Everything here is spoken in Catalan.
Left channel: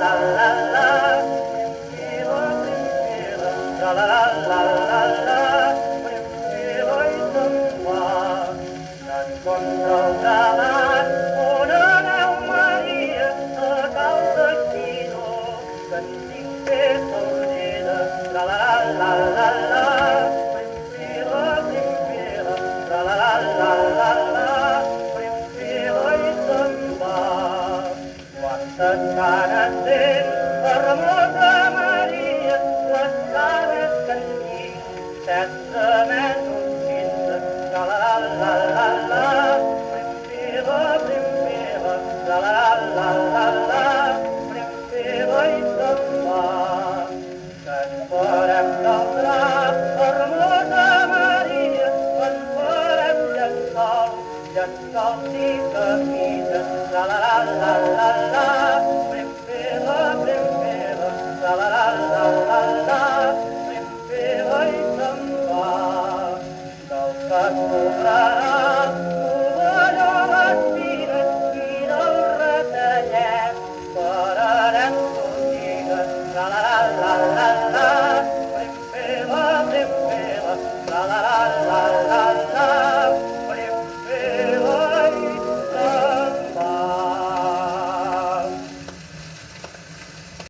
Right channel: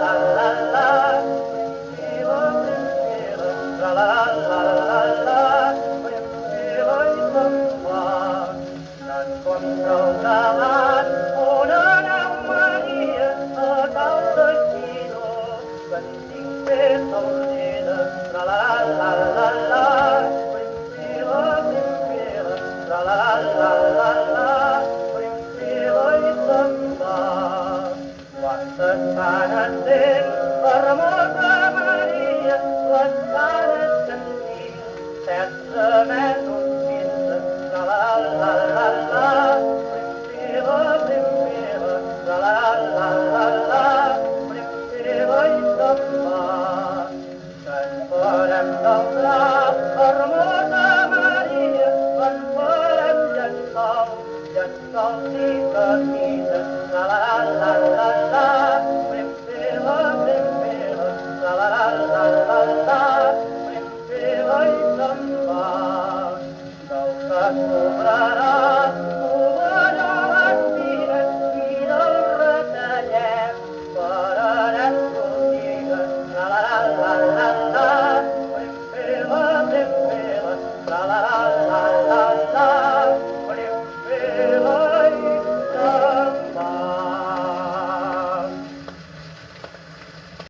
la la la. Primfila, primfila, tra la la la la. Primfila i se'n va. En contra el galant, on aneu, Maria, a cal de Quino, que en tinc feta l'orella, tra la la la la. Primfila, primfila, tra la la la la. Primfila i se'n va. Quantes canes tens, fermosa Maria, les canes que en tinc, 16 mesos 15, tra la la la la. Primfila, primfila, tra la la la.